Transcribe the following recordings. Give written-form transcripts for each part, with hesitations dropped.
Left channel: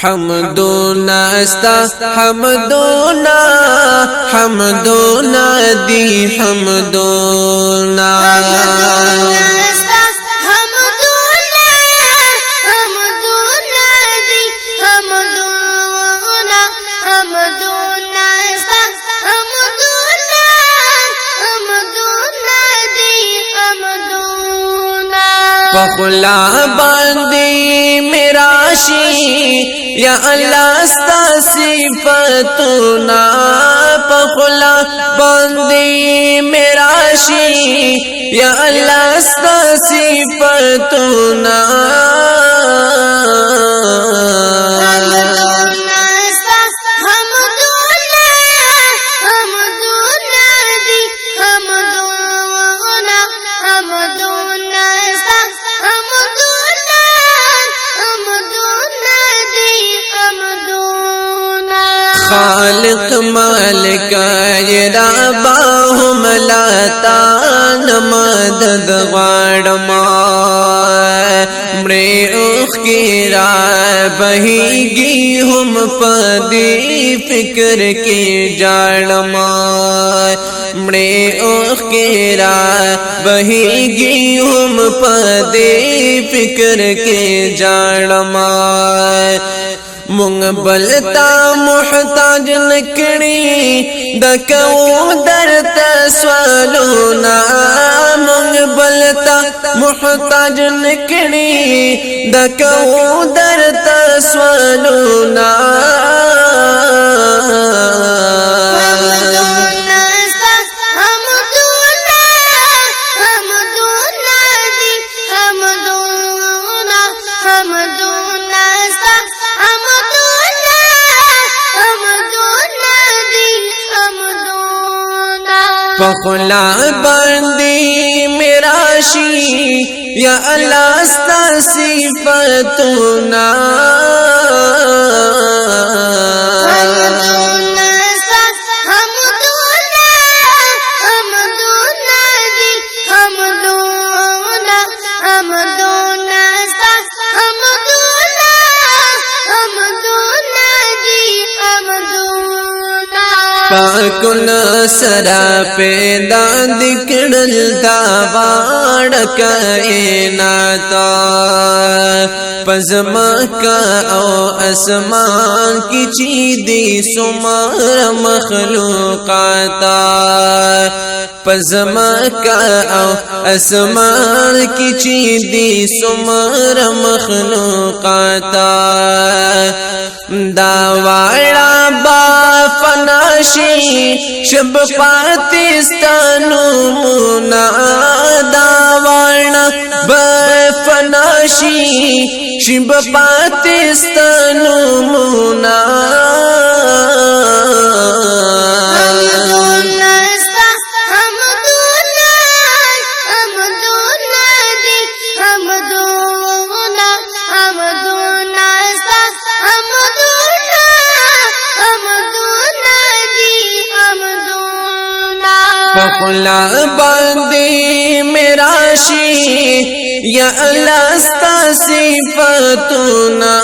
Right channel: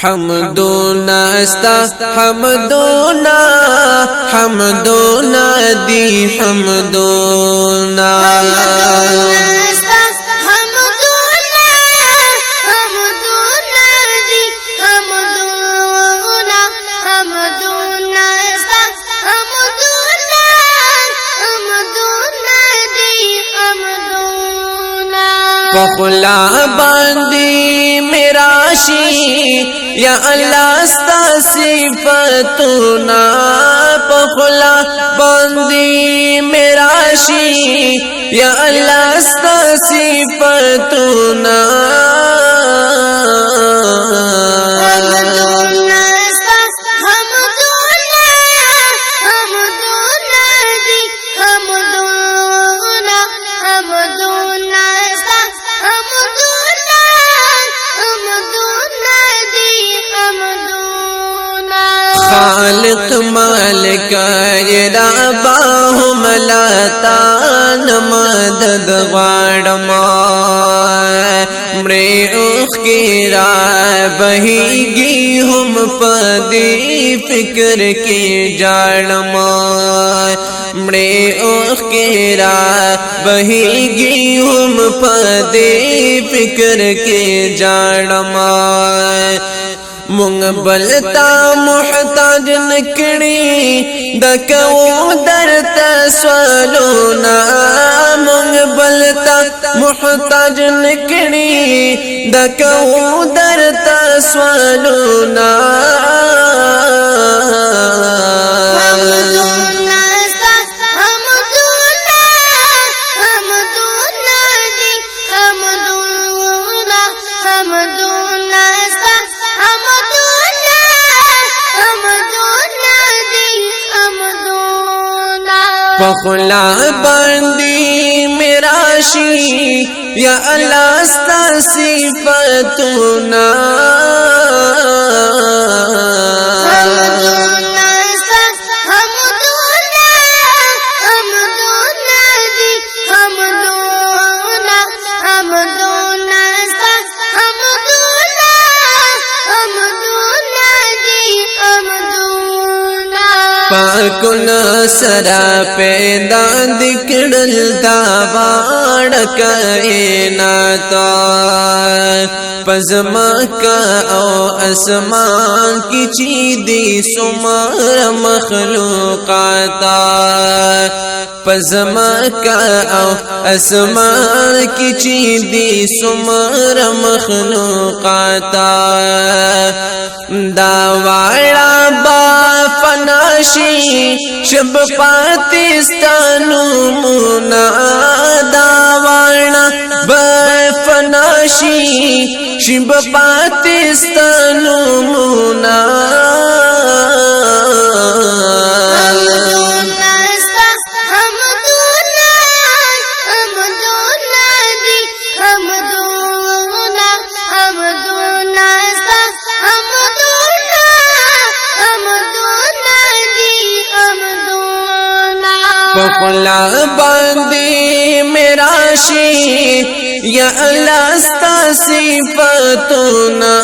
حمدونا استا حمدونا حمدونا دی حمدونا پخلا باندی میراشی یا اللہ ستا صفتنا پخلا باندی میراشی یا اللہ ستا صفتنا خالق مالک رباهم لاتان مدد غاڑما مڑے اوخ کی رائے بہیگی ہم پدی فکر کی جاڑما مڑے اوخ کی رائے بہیگی ہم پدی فکر کی جاڑما مونږ بلتا محتاج نکړي دکو درته سوالونه مونږ بلتا محتاج نکړي دکو درته سوالونه پخلا باندی میراشی یا اللہ ستا صفتنا پاکن سرا پیدا دکڑل دا باڑ کائناتا پزمکا او اسمان کی چیدی سمار مخلوقاتا پزمکا او اسمان کی چیدی سمار مخلوقاتا دا وارا با فناشی شب پاکستانو منا دا وارا با فناشی شب پاکستانو منا پخلا باندی میراشی یا اللہ ستا صفتنا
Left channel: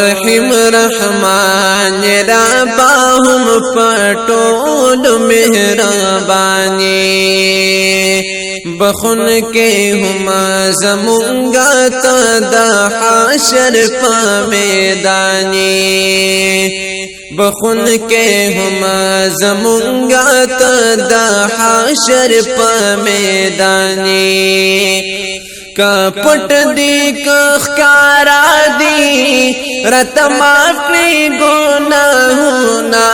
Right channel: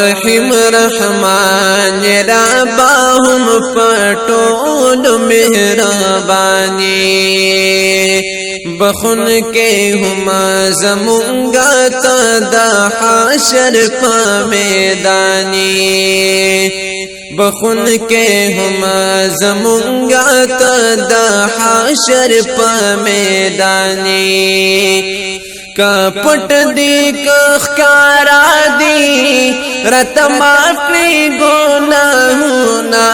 رحیم رحمان رباهم پټول مهربانی بخون کے ہما زمونگا تا دا حاشر پا میدانی بخون کے ہما زمونگا تا دا حاشر پا میدانی کا پٹ دی کا خکارا دی رت معاف کری گناہونا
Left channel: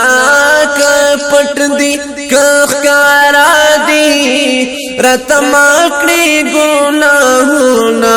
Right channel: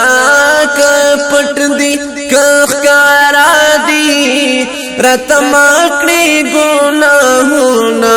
کا پٹ دی کا خکارا دی رت معاف کری گناہونا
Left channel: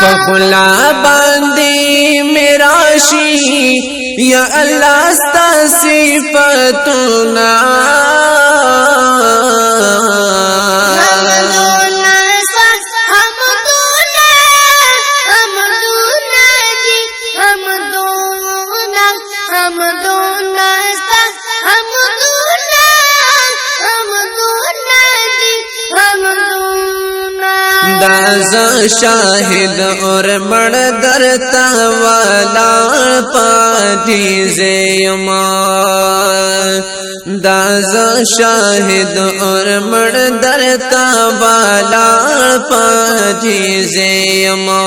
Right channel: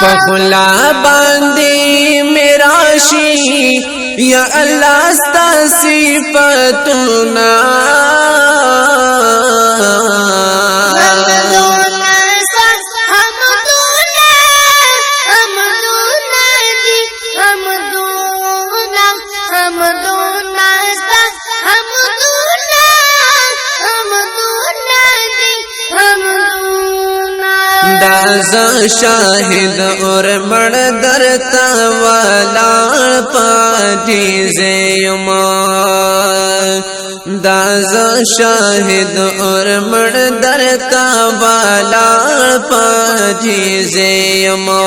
پخلا باندې میراشی یا الله ستا صفاتنا دازا شاہد اور مڑ درتا والا پاجیز یما دازا شاہد اور مڑ درتا والا پاجیز یما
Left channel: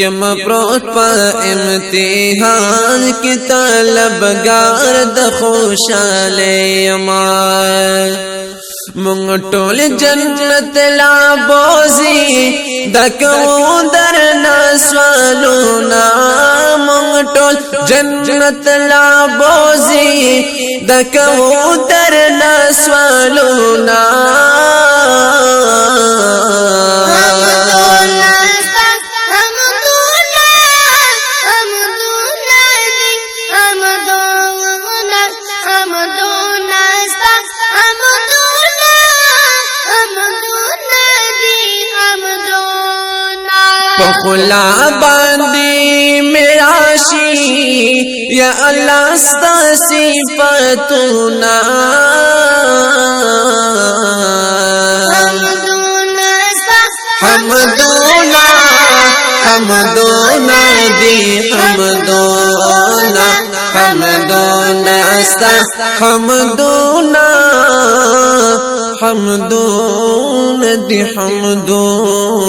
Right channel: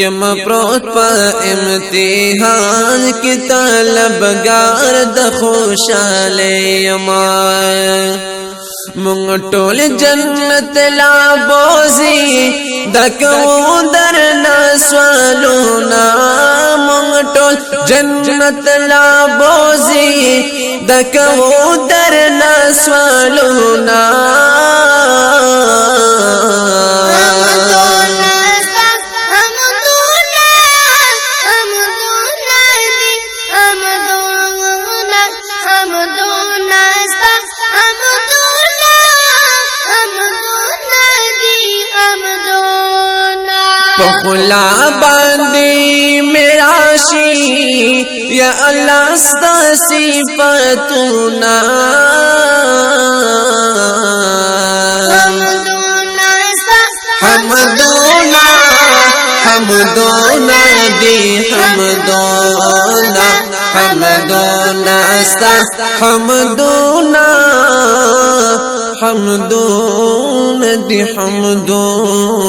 یم پروت پا امتحان کی طلبگار د خوشالی یما مونږ ټول جنت لا بوزي دکو درنا سوالونا مونږ ټول جنت لا بوزي دکو درنا سوالونا پخلا باندې میراشی یا الله ستا صفاتنا حمدونا حمدونا دی حمدونا حمدونا استا حمدونا حمدون دی حمدونا